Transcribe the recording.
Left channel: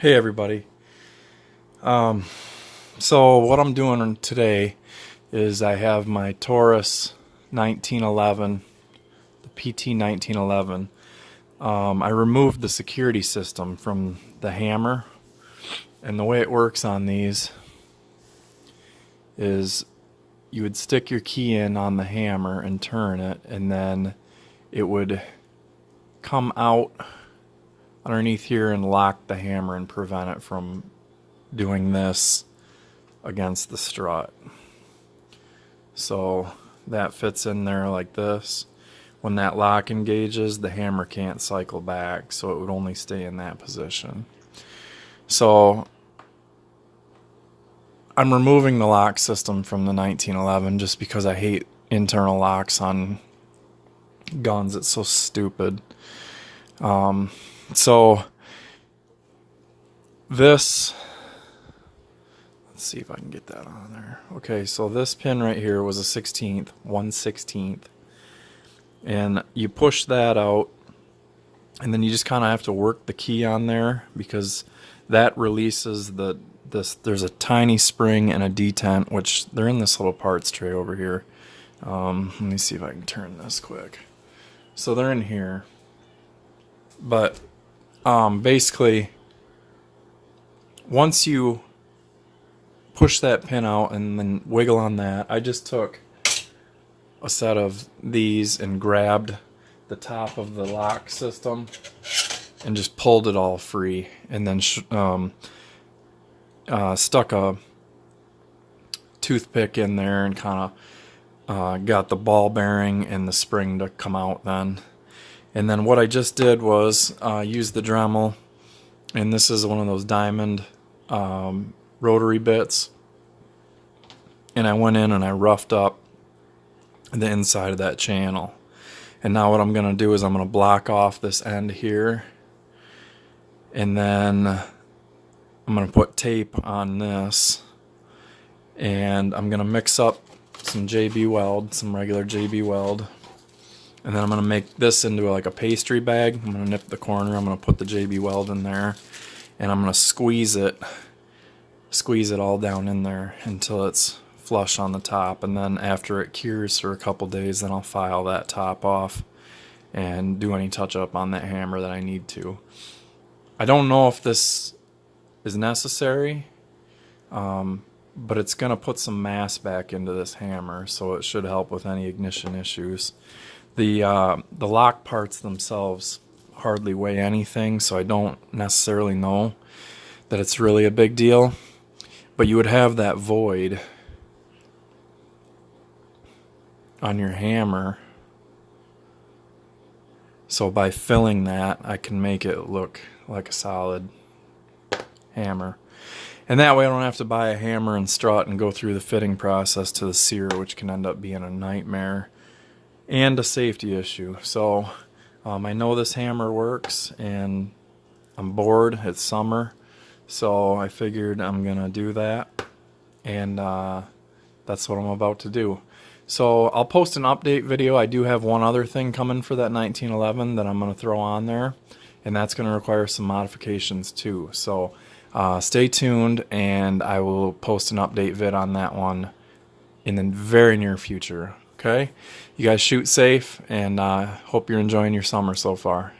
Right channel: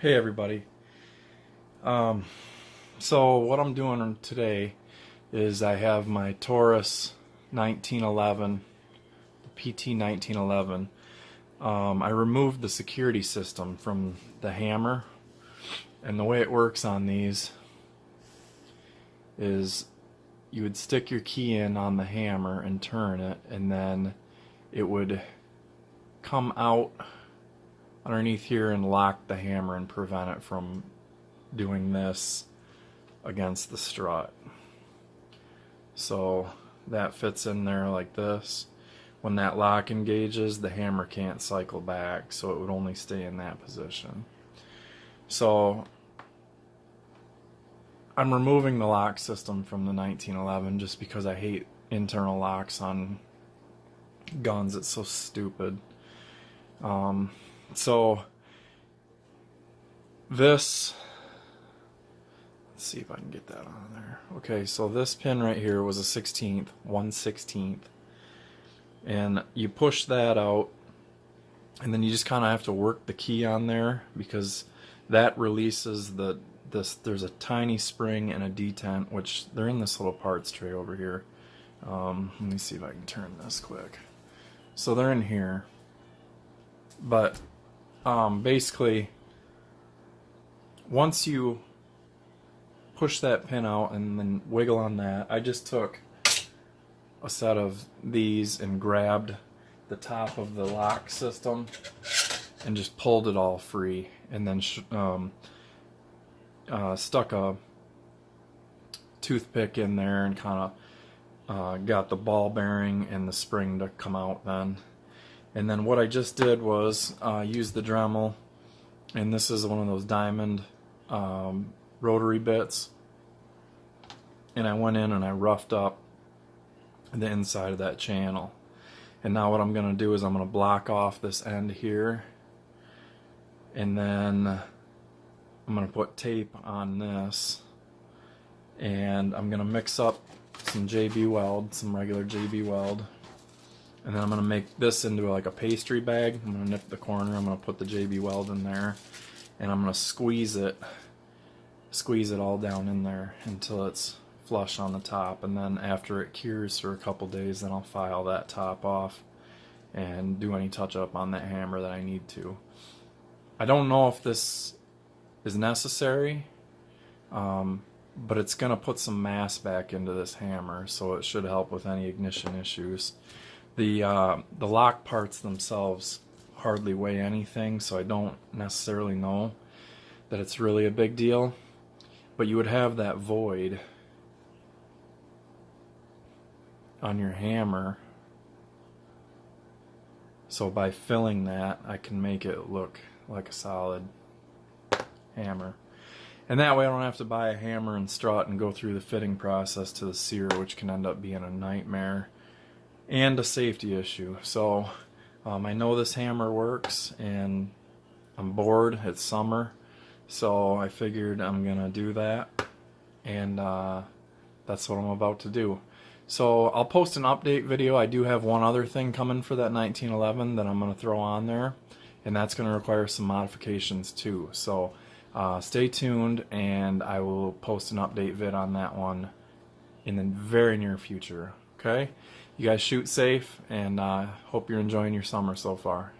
Hey everybody. So what I'm doing today is I have my TAURUS 1911, the PT1911. I removed the security system from the hammer, and the way it works on these is you would stick your key in on the hammer and turn it, and then it would come out underneath here and lock the hammer and prevent it from doing this against the strut. So that fits in there like this. When that lock engages, the hammer can't cycle back, so it would only stay in that position. So I'm removing the lock system from the 1911 just because I hate internal locks on guns. It's so stupid. So this, let's see if I can get that on there. Okay, so this pin right here was a 16th, 1/16, and you push that out, and then you just kind of have to work the key on there because that releases there's a tiny spring and a detent, which they're in this little parts tray over here. Let me see if I can turn this quick. So they're in here, but basically once you push that pin out and then wiggle on that, I just took a set of these and grabbed the top of the lock system and just pulled it all free, and then stuck a toothpick in there and kind of got the ball bearing and the spring to come out then. And then what I just did was use the Dremel, and this is one of those diamond rotary bits, and I went in and I roughed up the inside of that channel. And now what I'm going to do is I'm going to block off this end here, and then I'm going to put tape on this, and I'm going to mix up some JB Weld, some regular JB Weld, and then I'm going to make this into like a pastry bag. I'm going to nip the corner, I'm going to put the JB Weld in there, and I'm going to squeeze it all down in there until it's flush on the top. And then after it cures for a couple days, then I'll file that top off and do any touch up on that hammer that I need to. I don't know if this is necessary, but it's going to put some mass back into this hammer, so it should help with any ignition issues. The lock parts themselves hardly weigh anything, so I don't necessarily know that it's really a big deal. But you would have that void on your hammer, so by filling that I can make it look like a solid hammer. And that way I don't have to buy a hammer and strut and go through the fitting process to the sear, which can end up being a nightmare and a safety issue. So I know this hammer works, and I'm bored, it's summer, so I figured I'm gonna do that, and that's what I'm about to do. So I'll post an update video. I do have one other thing coming for that 1911 that I'm gonna throw on there, and that's gonna require some modifications too. So stay tuned, and I will post an update vid on that one in the very near future. Okay, you guys shoot safe, and hope you're enjoying your summer so far.